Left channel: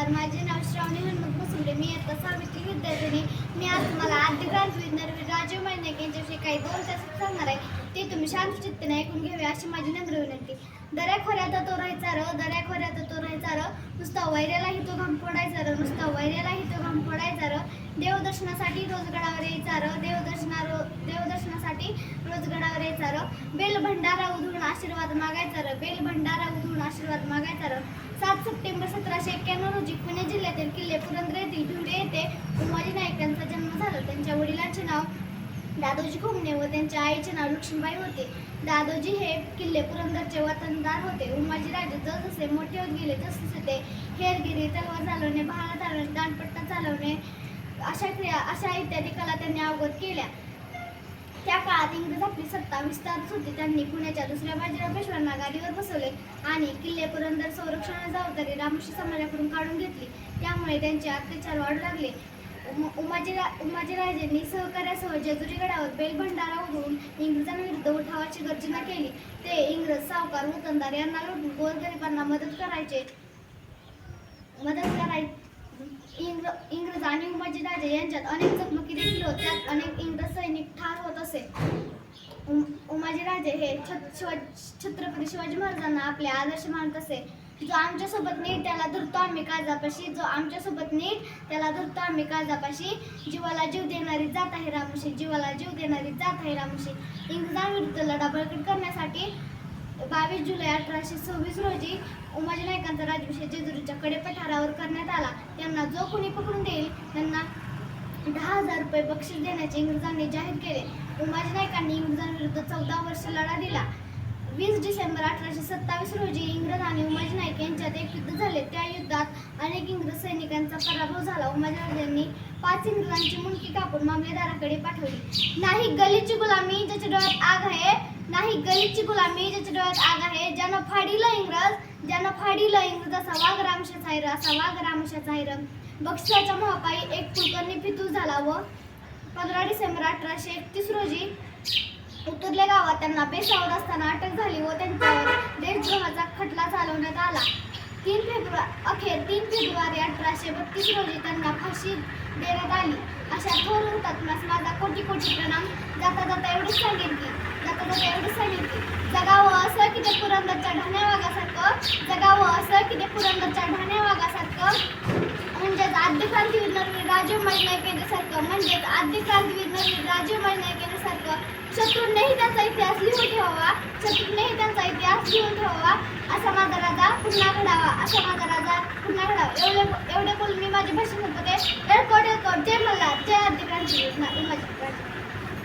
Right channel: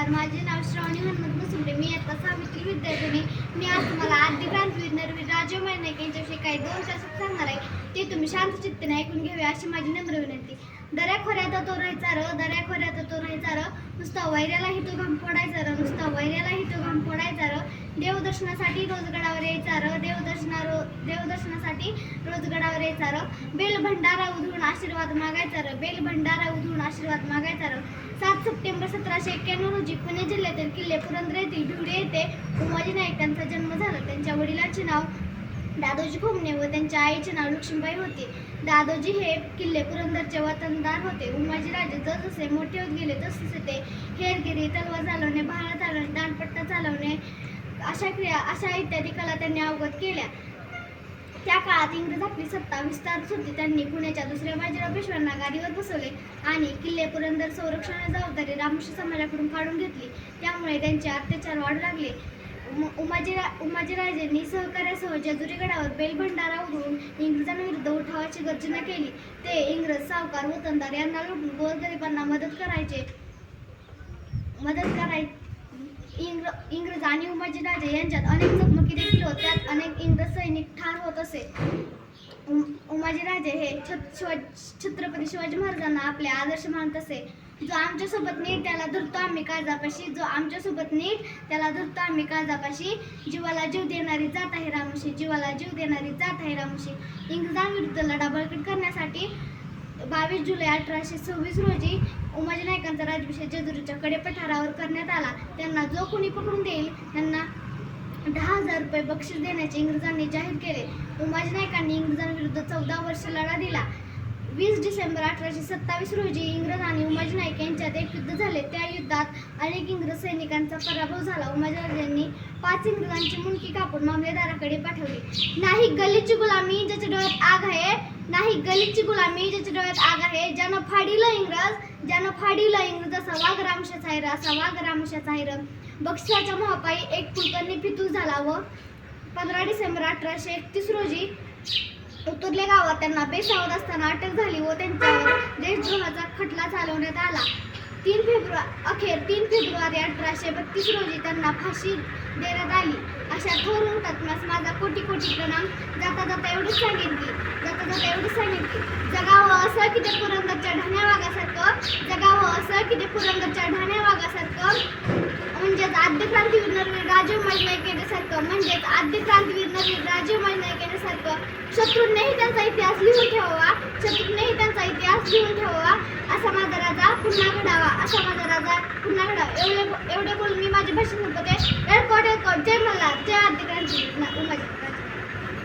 नमस्कार. माझे नाव श्रावणी हनुमंत मुसुंडे मी आता सावित्री विद्यार्थिनी. मी आज तुम्हाला आद्य क्रांतीवीर राजीव मैनाक यांच्याविषयी काही दोन तास सांगणार आहे. ते तुम्ही शांत चित्तेने ऐकून घ्यावे अशी माझी नम्र विनंती. दऱ्या खोऱ्याचा तो राहायचा र दऱ्या खोऱ्याचा तो राहायचा र. नुसता वैऱ्यालाही तो घाम पडायचा र नुसता वैऱ्यालाही तो घाम पडायचा र. देवदर्शनासाठी रोजगडावर यायचा र. देवदर्शना रो देवदर्शनासाठी रोजगड मागायचा र. बेल भंडारा उधळून आशीर्वाद मागायचा र. बेल भंडारा उधळून आशीर्वाद मागायचा र. सात सप्टेंबर सतराशे एक्क्याण्णव रोजी पुणे जिल्ह्यातील किल्ले पुरंदर येथील भिवरे येथे उमाजी नाईक यांचा जन्म झाला. त्यांच्या वडिलांचे नाव दादोजी घुमणे व त्यांच्या आईचे नाव लक्ष्मीबाई होते. दादोजी हे किल्ले पुरंदरचे वतनदार होते. उमाजीराजे जसजसे मोठे होत गेले तसतसे ते हेरगिरी तलवार चालवणे भारत चालवणे दांडपट्टा चालवणे अशा क्रिया अशा इत्यादी कला त्यांनी अवगत केल्या. त्या काळात इंग्रज आपली सत्ता विस्तारत होती. त्यांनी पुण्याच्या दुसऱ्या बाजीराव पेशव्यांना गादीवर बसवले आणि किल्ले पुरंदर संरक्षणाची जबाबदारी रामोशी समाजाकडून काढून घेतली. त्यामुळे त्यांचे अत्याचार वाढू लागले. उमाजीरा उमाजीराजेंनी सहकार्यासह जेजुरी गडावर बेलभंडारा उघडून इंग्रजांविरुद्ध उठावाची गर्जना केली. ते इंग्रज सावकार वतनदार यांना लुटून गोरगरिबांना मदत करायचे. मदत कराय इंग्र इंग्रज आणि उमाजीराजे यांच्यात अनेक चकमकी देखील होत. त्यात अनेक इंग्रज सैनिक ठार होते पाहिजे हे छत्रपती शिवाजी महाराजांना आपले आदर्श मानत असे. जो आमच्यासोबत नीट त्याला धरतो आम्ही काळजापाशी जो आमच्यासोबत नीट त्याला धरतो आम्ही काळजापाशी जीवाला जीव देणारी जात आहे रामुशी जीवाला जीव देणारी जात आहे रामुशी. इंग्रजांविरुद्ध लढा बळकट करण्यासाठी बावीस जुलै अठराशे सव्वीस रोजी उमाजी नायकांचा राजभिषेक जेजुरीच्या कडे पठारावर करण्यात आला. त्यांना जो कोणी पकडून देईल त्यांना दहा हजार रुपये बक्षीस देण्याचे इंग्रजांनी जाहीर केले. उमाजी नायकांनी इंग्रजांविरुद्ध चौदा वर्ष लढा दिला. वीस डिसेंबर अठराशे सत्तावीस रोजी इंग्रज आणि उमाजी नाईक यांच्यात एक युद्ध झाले. त्या युद्धात अनेक इंग्रज सैनिकांचा पराभव झाला. उमाजीराजांनी पाच इंग्रजांची मुंडकी कापून मामलेदाराकडे पाठवली. नाही गलीची गुलामी ज्याच्या डोळ्यात आग आहे नाही गलीची गुलामी ज्याच्या डोळ्यात आग आहे ज्यानं फाडिलं इंग्रज ज्यानं फाडिलं इंग्रज असा वाघ रामशाचा आहे असा वाघ रामशाचा आहे बक्षिसाच्या महापायी एक कुलकर्णी पितू झाला व पंधरा डिसेंबर अठराशे एकतीस रोजी उतरले गावात त्यांना बेसावत असताना अटक झाली व त्यांच्यावर देशद्रोहाचा खटला चालवण्यात आला. तीन फेब्रुवारी अखेर तीन फेब्रुवारी अठराशे बत्तीस रोजी त्यांना फाशी देण्यात आली. अशा थोर हुतात्मास माझा कोटी कोटी प्रणाम. जाता जाता एवढीच सांगेन की जगावं असं की ते पुरंदरच्या ढाण्या वाघासारखं जगावं असं की ते पुरंदरच्या ढाण्या वाघासारखं म्हणजेच आद्य क्रांतीवीर नरवीर राजीव नाईक यांच्यासारखं म्हणजेच आद्य क्रांतीवीर नरवीर राजीव नाईक यांच्यासारखं शत्रूंनीही त्यांचा इतिहास लिहून ठेवावा शत्रूंनीही त्यांचा इतिहास लिहून ठेवावा असा माझा राजा पुन्हा घडावा. असा माझा राजा पुन्हा घडावा. एवढे एवढे बोलून मी माझे भाषण होतो ते